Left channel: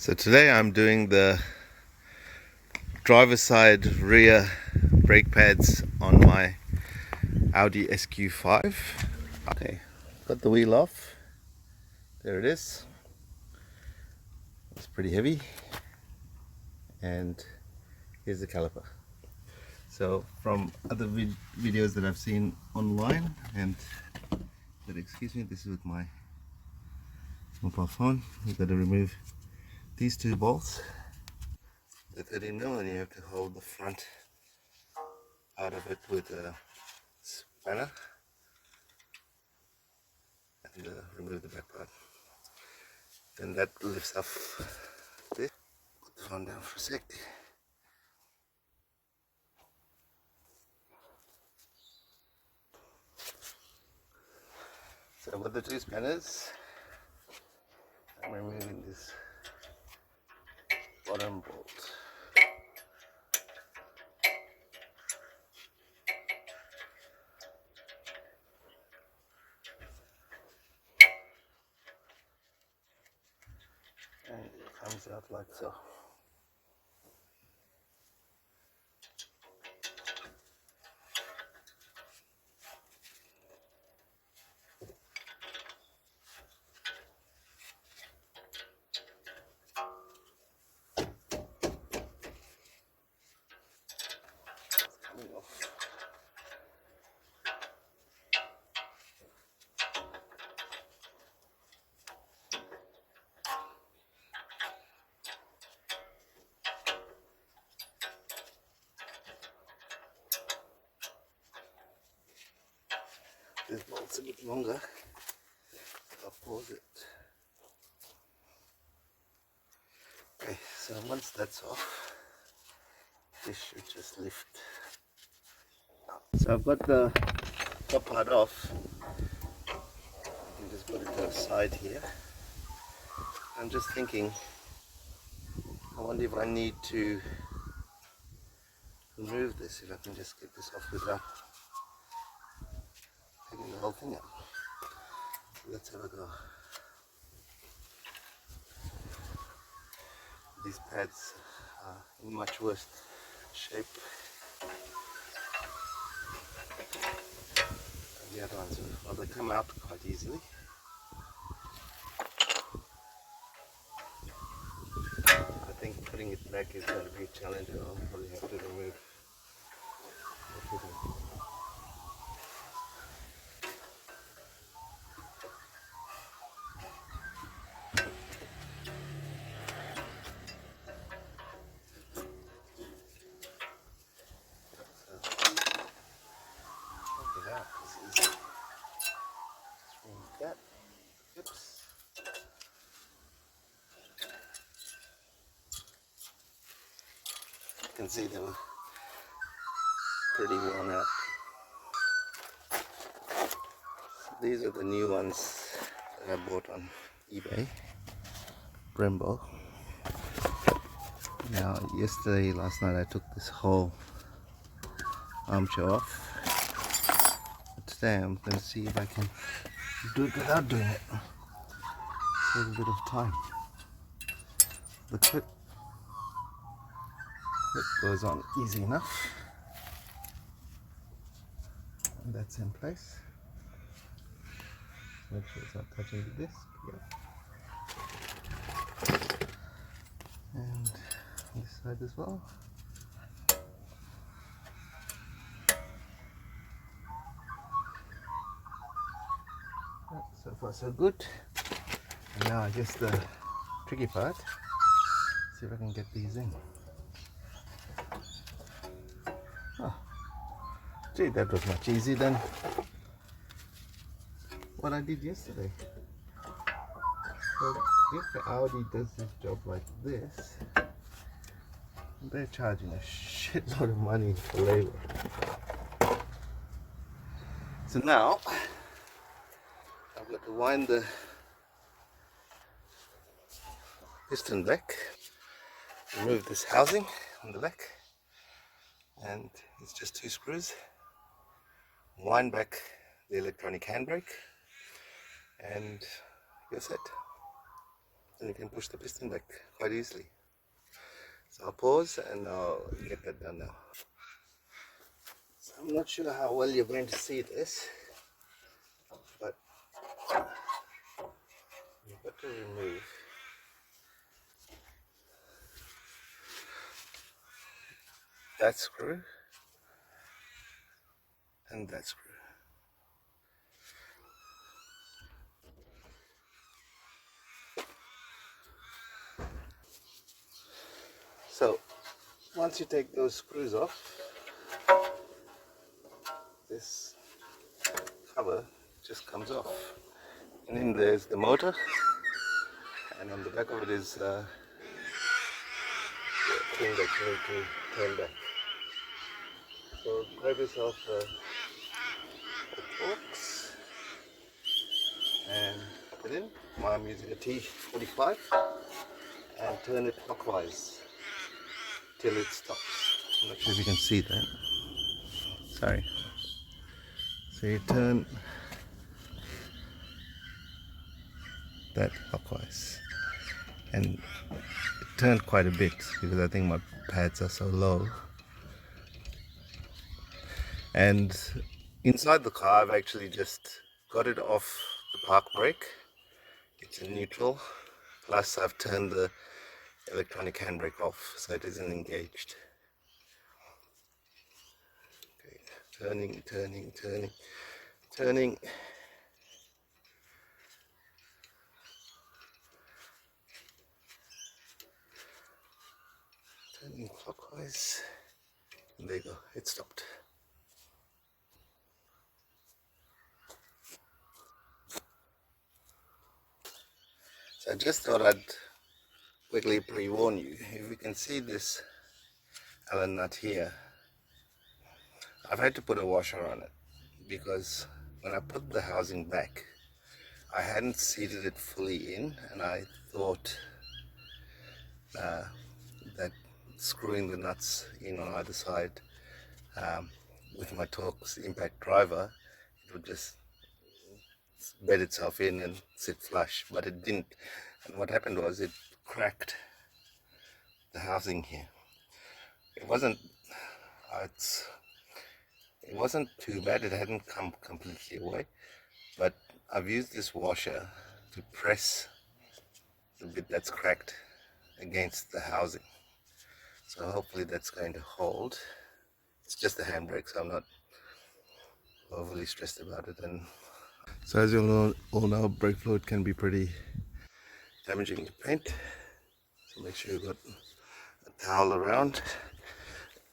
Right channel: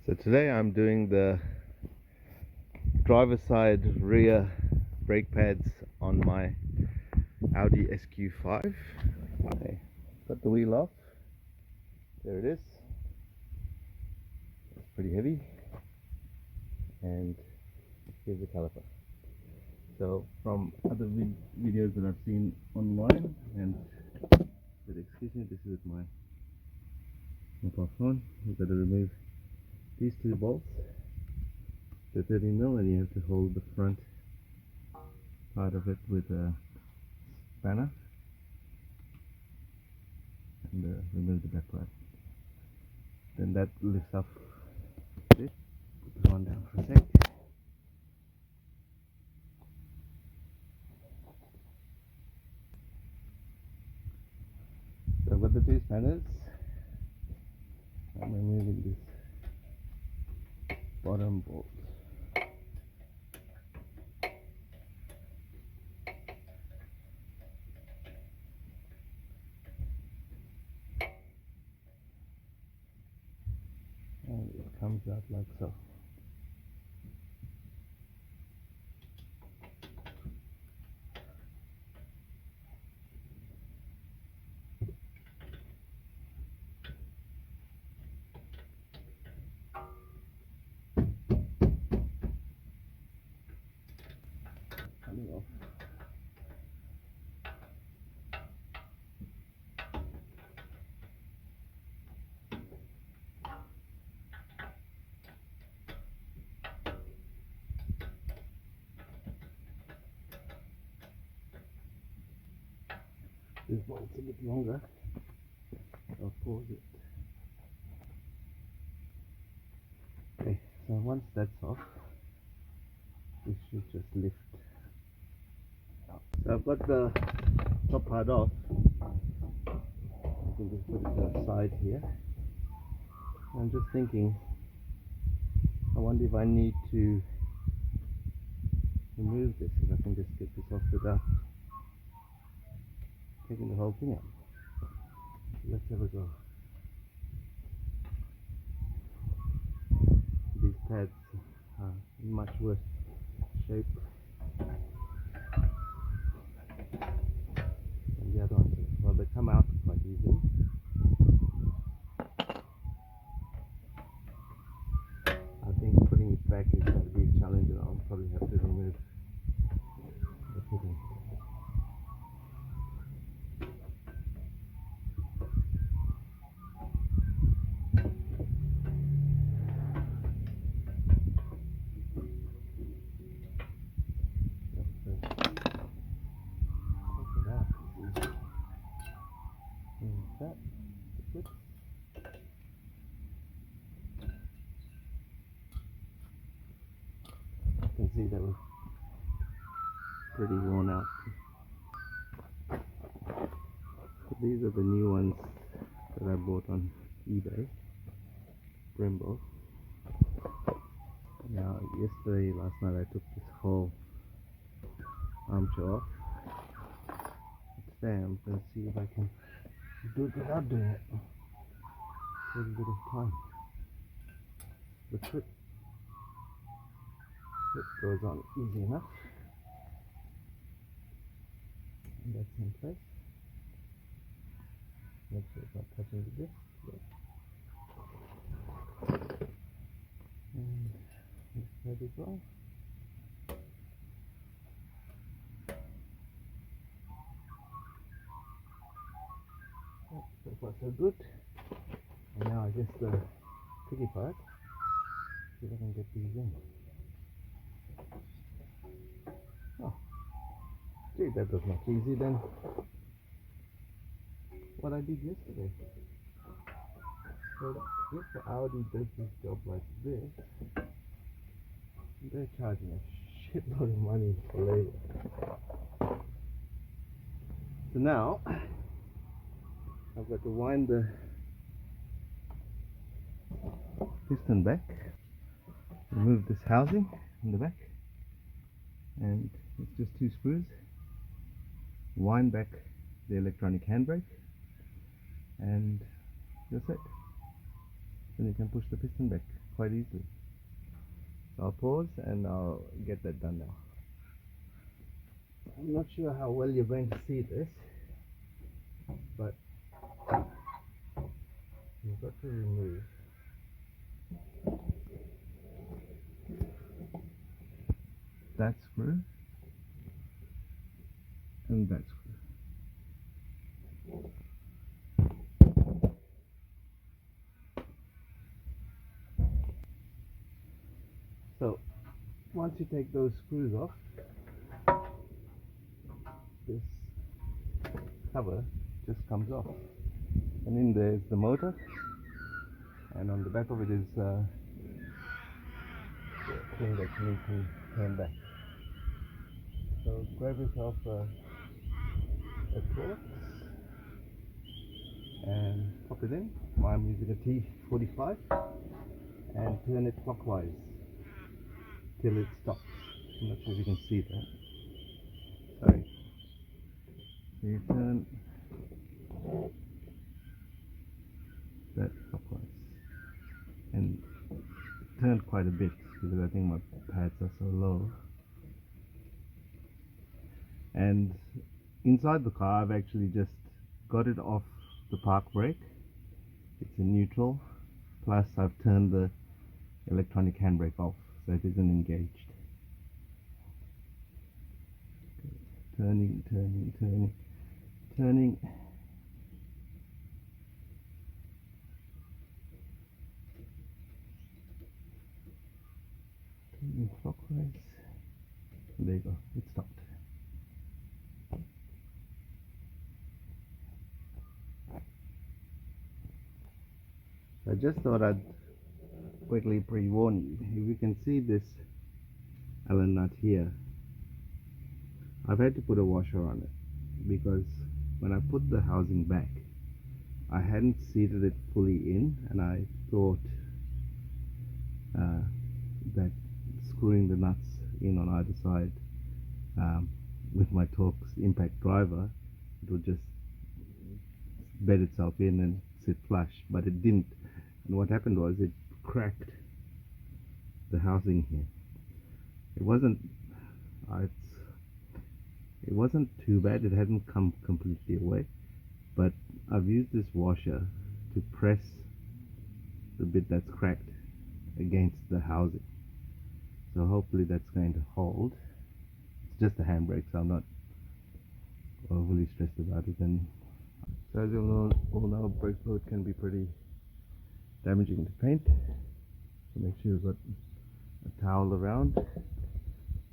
So today I'm doing the driver's side rear brake pads on my Audi SQ5. Okay, got the wheel off. There it is. It's pretty heavy. And here's the caliper. So from other videos that I've seen online, and excuse me, this is with my mobile phone. You've got to remove these two bolts, the 13mm, and you have to hold the front part of it with a spanner and remove the back part. Then that lifts up this. Put the phone down for a sec. So with the two spanners, I'm removing this bottom bolt. And it comes out like so. It's coming off. This bolt's a bit longer. I'll pause it. Okay, so once that's off, this should just lift up. So I've got the top part off. I can just put it to the side here. I'm just thinking, I wonder if I need to remove this, if I can just get this off without taking the whole thing out. Let's have a go. These pads are in much worse shape than the other ones. Well, they come out quite easily. I think putting it back is going to be a challenge. I'll probably have to remove the fitting. That yips. You can see they were pretty worn out. So these are the new ones that I bought on eBay, Brembo. Now last night I took this whole armchair off. But today I'm going to see if I can do it without doing it. Save a bit of time. The clip goes on easy enough. And that's in place. Make sure it's not touching the disc. Yeah. And this side as well. So far so good. And now I guess the tricky part, see if I can get these in. Oh, gee, that was much easier than what I did yesterday. So if the Audi does this job like this, they're charging a shitload of money for labor. So now I've got to wind the piston back, remove this housing on the back, and it's just two screws. Wind back the electronic handbrake, and you're set. then you can push the piston back quite easily. So I'll pause and I'll get that done now. So I'm not sure how well you're going to see this, but you've got to remove that screw and that screw. So once you take those screws off, this cover just comes off, and then there's the motor, and on the back of it is the thing that you need to turn back. So grab yourself a Torx and pop it in. I'm using a T45, and turn it clockwise till it stops. I'm not sure if you can see that. Sorry. So you turn that clockwise, and it turned quite a bit because I think my pads are so low. And inside the car I've actually just got it off the park brake. It's in neutral, plus I've turned the electronic handbrake off so it isn't engaged. Okay, turning, turning, turning, turning. Turning clockwise. And there you go, it stopped. So I just thought I'd quickly pre-warn you. If you can see this Allen nut here, I've had to put a washer on it because when I put the housing back, I hadn't seated it fully in, and I thought that screwing the nuts in on either side with my Torx impact driver, it would just bed itself in and sit flush, but it didn't. And what happened was it cracked the housing here. It wasn't it wasn't too bad, it hadn't come completely away, but I've used this washer to press the bit that's cracked against the housing, so hopefully that's going to hold. It's just the handbrake, so I'm not overly stressed about it. And so as you all know, brake fluid can be pretty damaging to paint, so make sure you've got a towel around.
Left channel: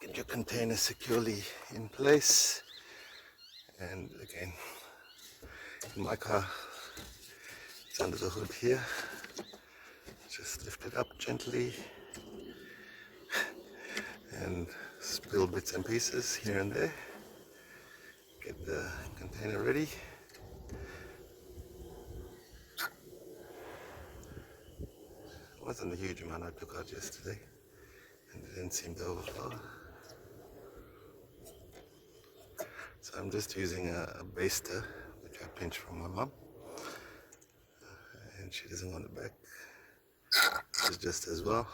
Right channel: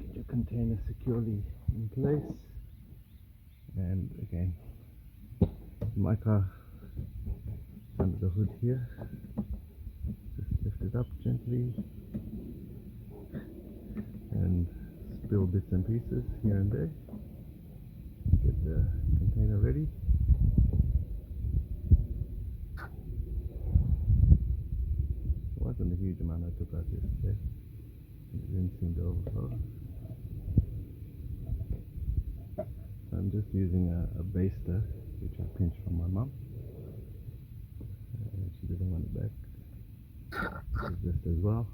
Get your container securely in place. And again, in my car, it's under the hood here. Just lift it up gently and spill bits and pieces here and there. Get the container ready. It wasn't a huge amount I took out yesterday, and it didn't seem to overflow. So I'm just using a baster, which I pinched from my mum, and she doesn't want it back. It's just as well,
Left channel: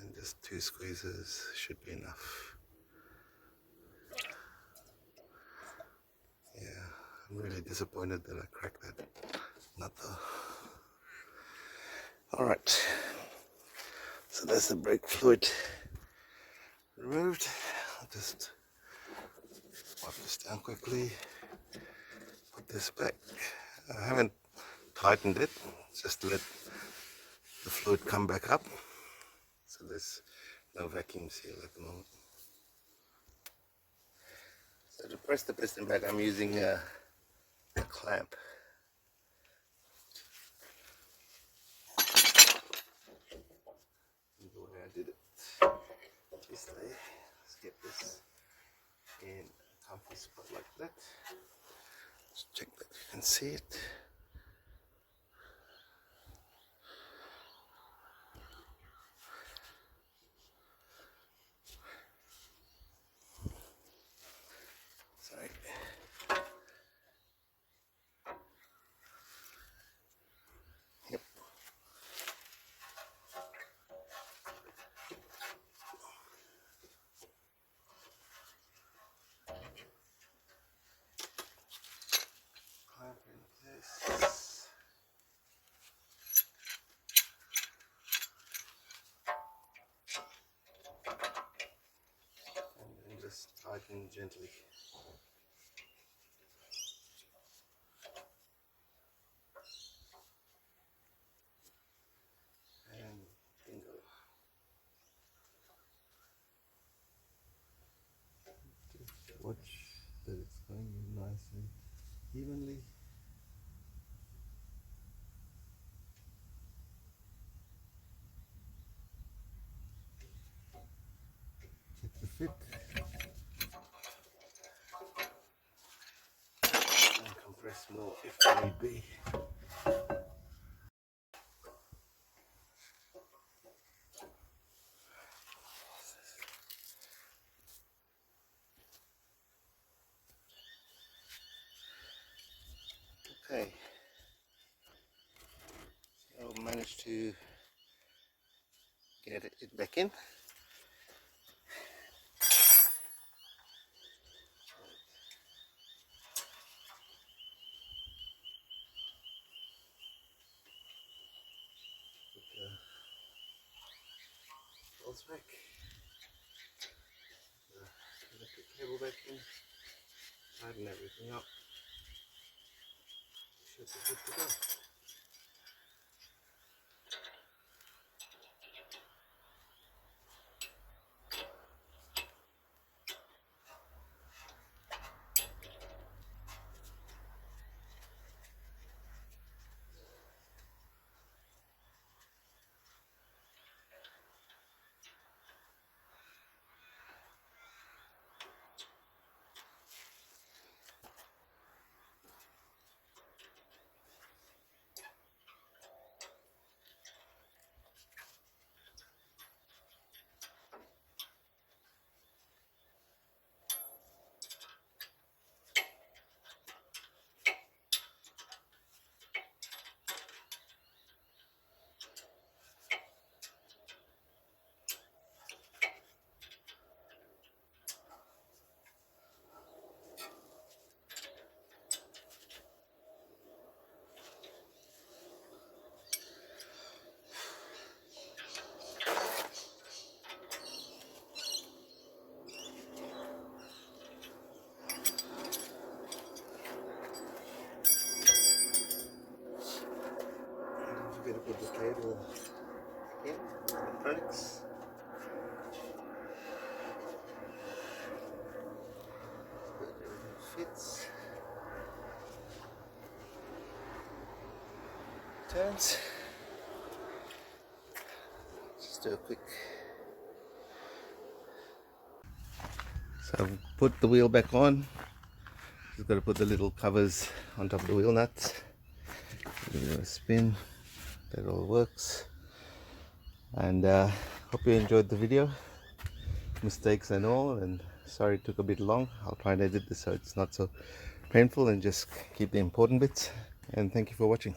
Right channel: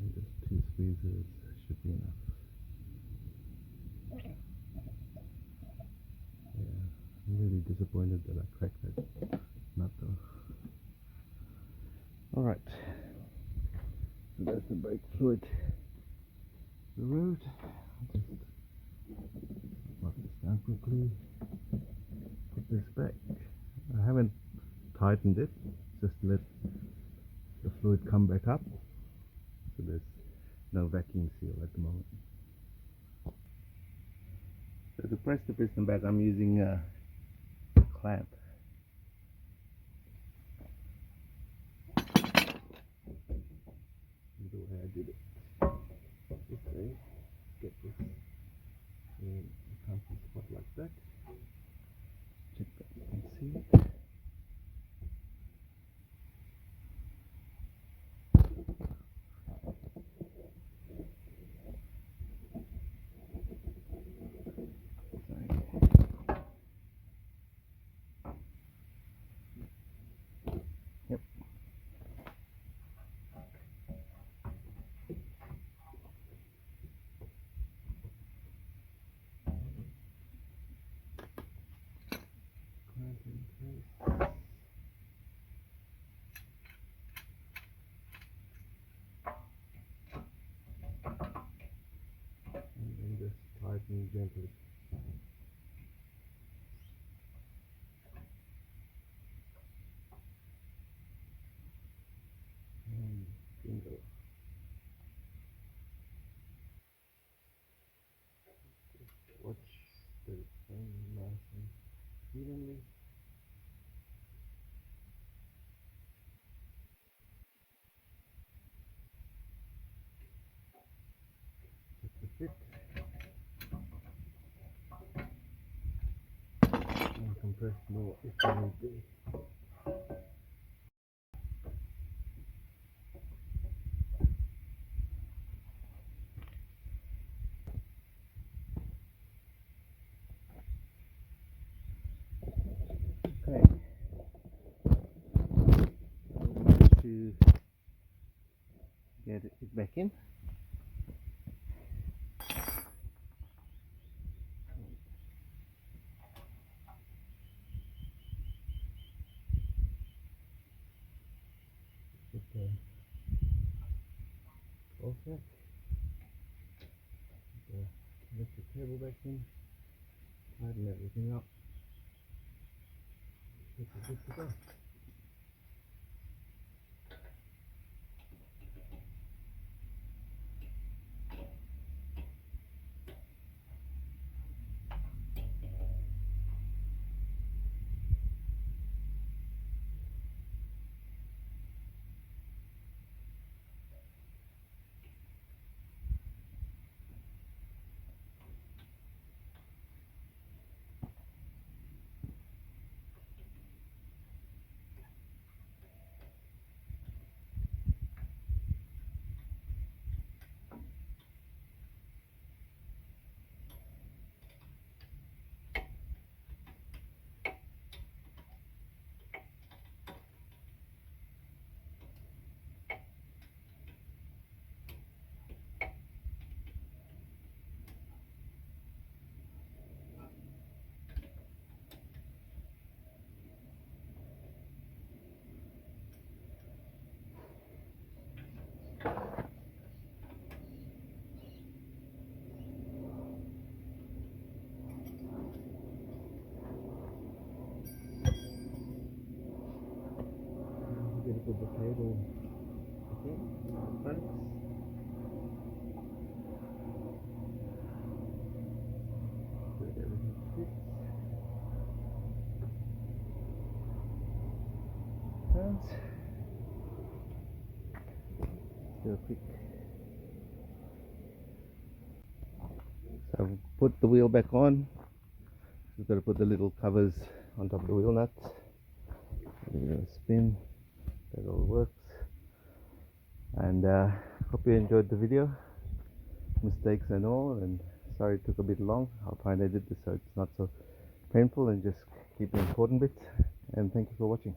and just 2 squeezes should be enough. Yeah, I'm really disappointed that I cracked that nut though. Alright, so that's the brake fluid removed. I'll just wipe this down quickly, put this back. I haven't tightened it, just to let the fluid come back up, so there's no vacuum seal at the moment. So to press the piston back, I'm using a clamp. The way I did it this way. Let's get this in a comfy spot like that. Just check that you can see it. Sorry. Yep. gently. And bingo. Just watch that it's going nice and evenly. Check the fit. And compress more if there need be. Okay, so managed to get it back in. Put the bolts back. The electric cable back in. Tighten everything up. Should be good to go. Don't forget to put the cable in, electronics. That everything fits. Turns. Just do a quick. So I've put the wheel back on. Just got to put the little covers on top of the wheel nuts. Give it a spin. That all works. And hope you enjoyed the video. Mistakes and all, and sorry it took a bit long. I'll try and edit this so it's not so painful and just keep the important bits. And thank you for watching.